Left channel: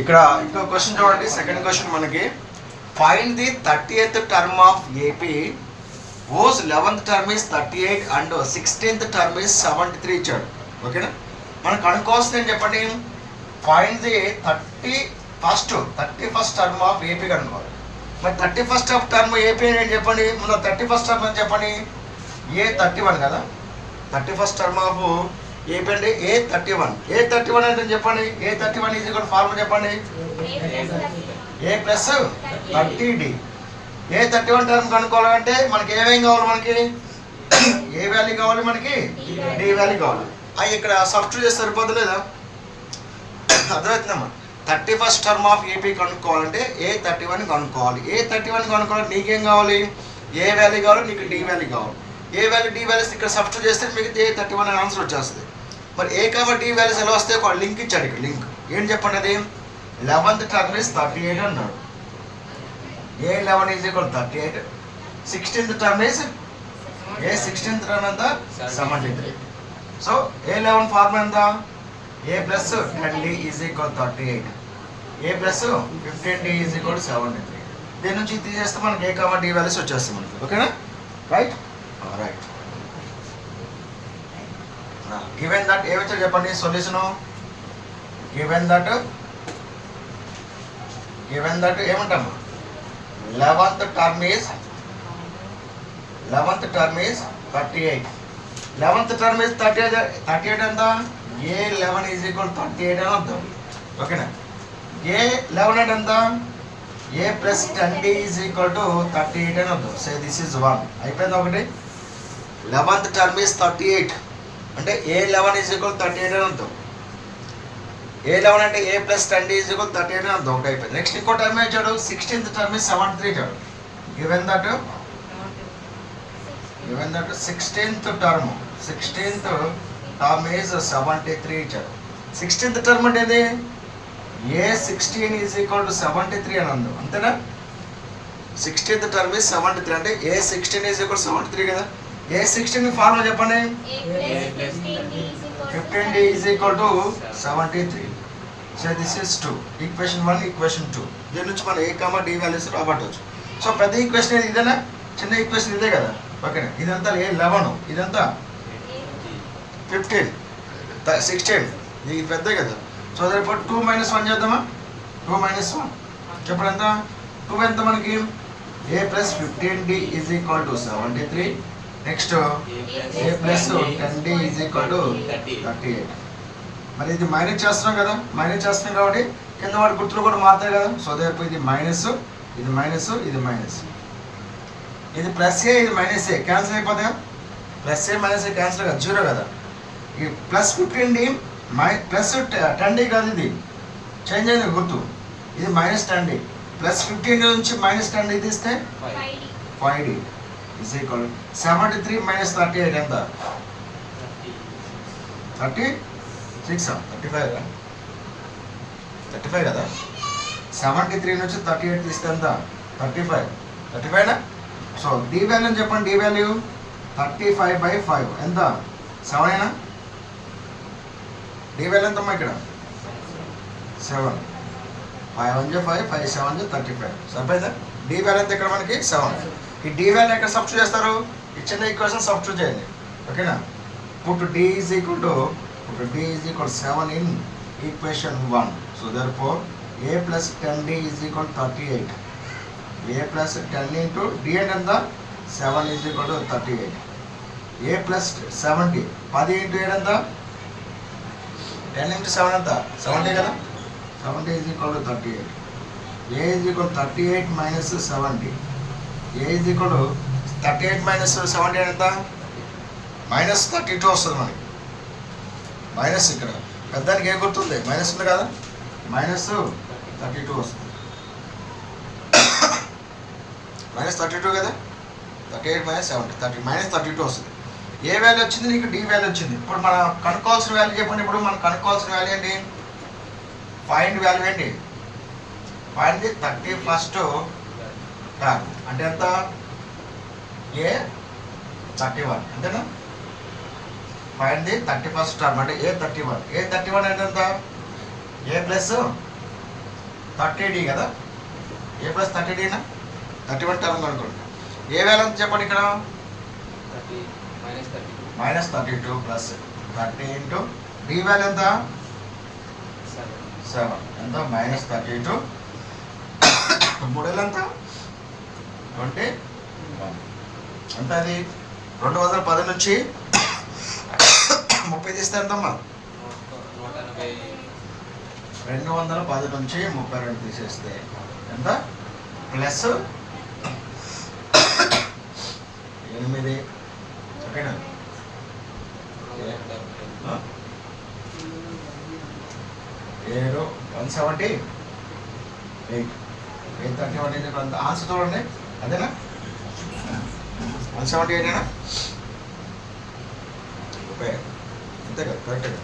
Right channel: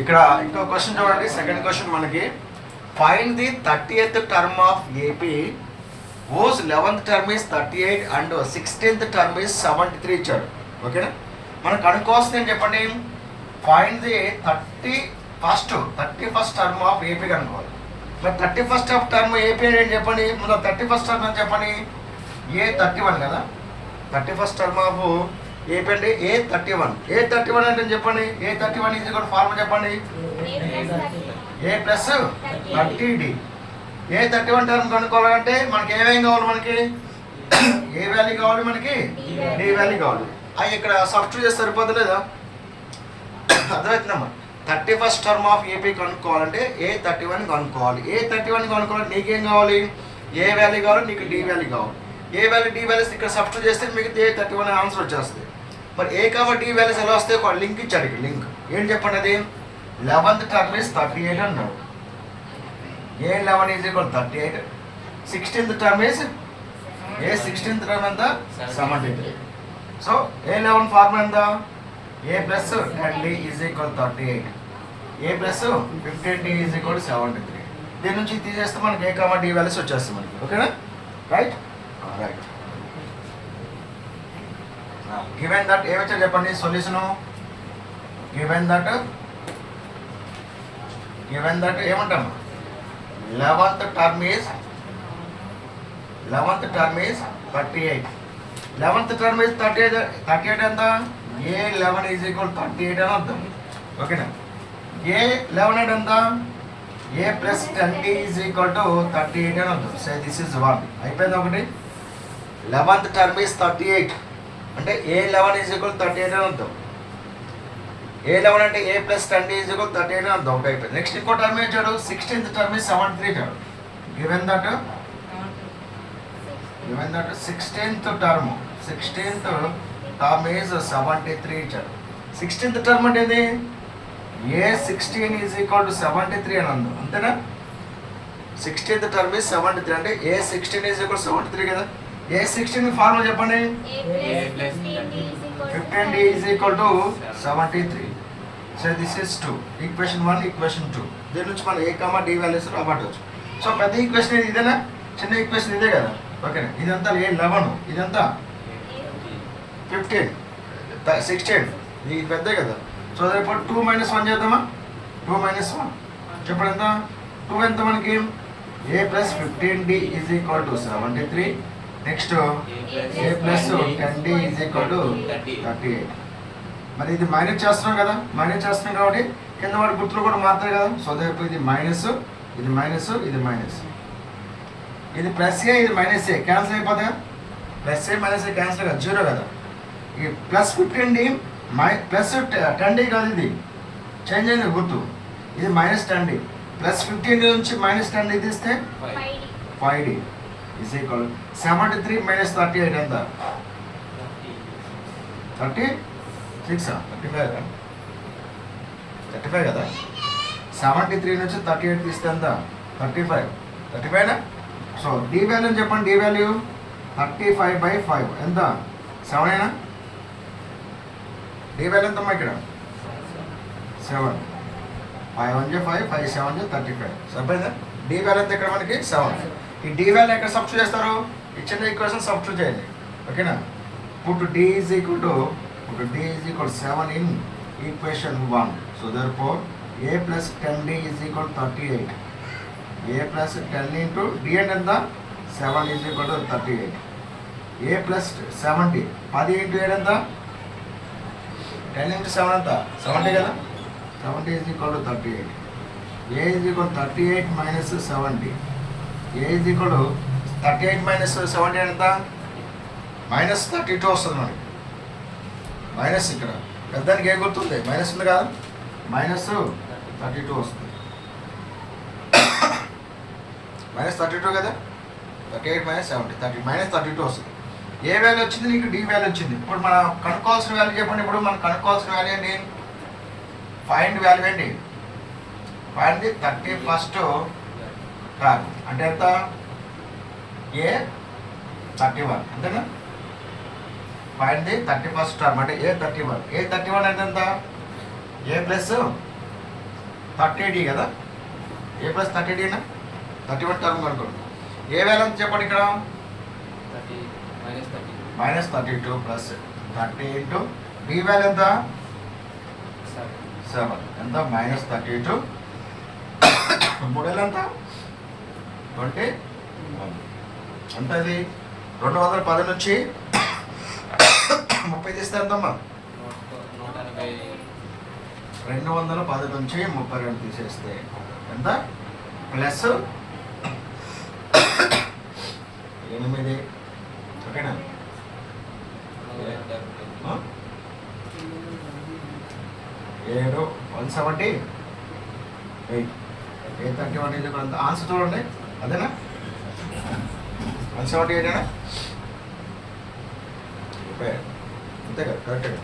ఇక్కడ ఇంకో క్వశ్చన్ చూడండి. సెకండ్ క్వశ్చన్ మనకి find the 30th term of AP ఓస్ 11th term is 38 and 16th term is 73 ఇచ్చాడు. ఓకేనా, మనకు కనుక్కోవాల్సింది ఏం చెప్పండి, find the 31st term of AP కనుక్కోవాలి. మరి 31st టర్మ్ ఏపీ అని ఏం చెప్పండి, ముందు 31st టర్మ్ అని చెప్పండి. A31 కదా, 31st టర్మ్ ఆఫ్ ఏపీ అంటే A31. A31 అంటే చెప్పండి, A31 ఈజ్ ఈక్వల్ ఫార్ములా చెప్పండి, A plus 30D. A31 term కనుక్కోవాలంటే మనకి ఏమేం కావాలి, మనకి ఏ వాల్యూ కావాలి, మనకి D వాల్యూ కావాలి. అది ఇక్కడ సబ్స్టిట్యూట్ చేస్తే సరిపోతుంది లేదా, అర్థమవుతుందమ్మా. 31st టర్మ్ ఆఫ్ ఏపీ కనుక్కోవాలంటే A31 కనుక్కోవాలి. A31 కనుక్కోవాలంటే నీకేం కావాలి, ఏ వాల్యూ కావాలి, నీకు D వాల్యూ కావాలి. ఏ వాల్యూ D వాల్యూస్ ఇక్కడ సబ్స్టిట్యూట్ చేస్తే మీకు A31 ఆన్సర్ వచ్చేస్తుంది. మరి A D వాల్యూస్ ఎలా వస్తాయి, ఒక లింక్ ఇచ్చాడు ఇక్కడ. లింక్ ఏం చెప్పండి, అది 11th టర్మ్ ఇస్ 38 అన్నాడు. A11 is equal 38. 16th term is A16th term ఎంత 73. సో A11 ఫార్ములా ఎంత, A plus 10D is equal 38, A plus 15D is equal 73. దీని నుంచి తీసేస్తే మనకి A D వాల్యూస్ వచ్చేస్తాయి మనకి. ఓకేనా, రైట్ రైట్. గివెన్ దట్ ఏమొచ్చారు చెప్పండి సొల్యూషను. గివెన్ దట్ ఏమంటాము, 11th term is 38. 11th term is 38 ఎంత, A11 ఈజ్ ఈక్వల్ 38 అని అర్థం. ఓకేనా, A11 అంటే ఎంత, A plus 10D is equal to 38 అని అర్థం. సో దిస్ ఈజ్ 1 అయిపోయింది ఒకటి. 11th టర్మ్ ఈజ్ 38 అంటే A11 ఈజ్ ఈక్వల్ 38 అని అర్థం. A11 అంటే A plus 10D is equal 38 అని అర్థం. ఒకటి అయిపోయింది. నెక్స్ట్ ఇంకో టర్మ్ ఇచ్చాడు, 16th టర్మ్ ఈజ్ 73 ఇచ్చాడు. Given that 16th term is 73 ఇచ్చాడు. 16th టర్మ్ అంటే ఏది, A16 ఈజ్ ఈక్వల్ టు 73 అని అర్థం, అంతేనా. 16th టర్మ్ ఈజ్ 73 అంటే A16 ఈజ్ ఈక్వల్ 73 కదా. A16 ఫార్ములా చెప్పండి, 15D is equal to 73. So this is 2. Equation 1, equation 2. దీని నుంచి మనం A, D వాల్యూస్ రాబట్టవచ్చు. సో పెద్ద ఈక్వేషన్ ఇదేనా, చిన్న ఈక్వేషన్ ఇదే కదా. ఓకేనా, ఇదంతా A11, ఇదంతా 15, 16, ఇది పెద్ద కదా. సో ఇప్పుడు 2 - 1 చేద్దామా. 2 - 1 చెప్పండి ఎంత, 2 ఎంత మనకి, A plus 15D is equal to 73. Next A plus 10D is equal to 38. మరి ఇది మైనస్ చేస్తున్నాం కదా, మైనస్ చేస్తున్నాం కాబట్టి కింద వాటి గుర్తులు కూడా మారుతాయి కదా. సో ఇప్పుడు ఇది మైనస్, ఇది మైనస్, ఇది మైనస్, ఇది ప్లస్ ఏ, ఇది మైనస్ ఏ, క్యాన్సిల్ అయిపోతాయి. ప్లస్ ఏ మైనస్ ఏ క్యాన్సిల్ కదా, 0 కదా. ఈ ప్లస్ 15D ప్లస్ 10D కాదు, ఇది చేంజ్ అయింది గుర్తు. ఇది మైనస్ 10D, ప్లస్ 15 నుంచి మైనస్ 10D తీస్తే 5D ఈజ్ ఈక్వల్ 73 మైనస్ 38 ఎంత, 35 కదా. 73 నుంచి 38 తీస్తే ఎంత, 35 సో D వాల్యూ అని చెప్పండి. D వాల్యూ 35/5 ఎంత, 7 అయినా. D వాల్యూ ఎంతమ్మా ఇక్కడ, 7. 5 1 5, 5 7 35. సరిపోయిందా. D వాల్యూ ఎంత ఇక్కడ మనకి 7. ఈ D వాల్యూ ఎక్కడ సబ్స్టిట్యూట్ చేస్తారు, ఇచ్చిన ఈక్వేషన్ సబ్స్టిట్యూట్ చేయండి. ఓకేనా, put D is equal to 7 in equation 1. So therefore A plus 10D is equal 38. A plus 10 into D అంటే ఎంత, 7 is equal to 38. A plus 70, 10 into 7 ఎంత, 10 ఇంటూ 7 ఎంత, 70 కదా. 70 is equal to 38. A is equal 38 minus 70. A is equal 38 minus 70 ఎంత, minus 32 వస్తుంది మనకి. Minus ఇక్కడ పెద్దానికి ఏ గుర్తుంది, మైనస్ ఉంది కదా, మైనస్ 32 వస్తుంది. మైనస్ 32 కదా, 38 మైనస్ 70, 30 మైనస్ 32 వస్తుంది. ఏ వాల్యూ వచ్చింది, నీకు D వాల్యూ వచ్చింది. ఇప్పుడు మనం కనుక్కోవాల్సిన వాల్యూ చెప్పండి. ఇప్పుడు మనం కనుక్కోవాల్సిన వాల్యూ ఏంటి, ఫైండ్ వాల్యూ ఏంటి, ఫైండ్ ది 31st టర్మ్ అంటే ఎంత, A31 అంతేనా. ఫైండ్ ది 31st టర్మ్ అంటే A31. A31 అంటే ఎంత, A ప్లస్ 30D కదా, ఏ ప్లస్ 30Dనా 31 టర్మ్ అనుకోండి. ఏ వాల్యూ ఎంత చెప్పండి ఇక్కడ, -32 ప్లస్ 30 ఇంటూ డి వాల్యూ ఎంత 7 ఎంత -32 మూడేళ్ళు ఎంత 21 ఎంత, అది 210 నుంచి 30 తీస్తే ఎంతమ్మా 210 నుంచి 32 తీసేస్తే ఎంత ప్లస్ 8, ఓకేనా 7 178 831 ఆన్సర్ చూడండి, అదేనా 178 అంతే కదా, కరెక్ట్.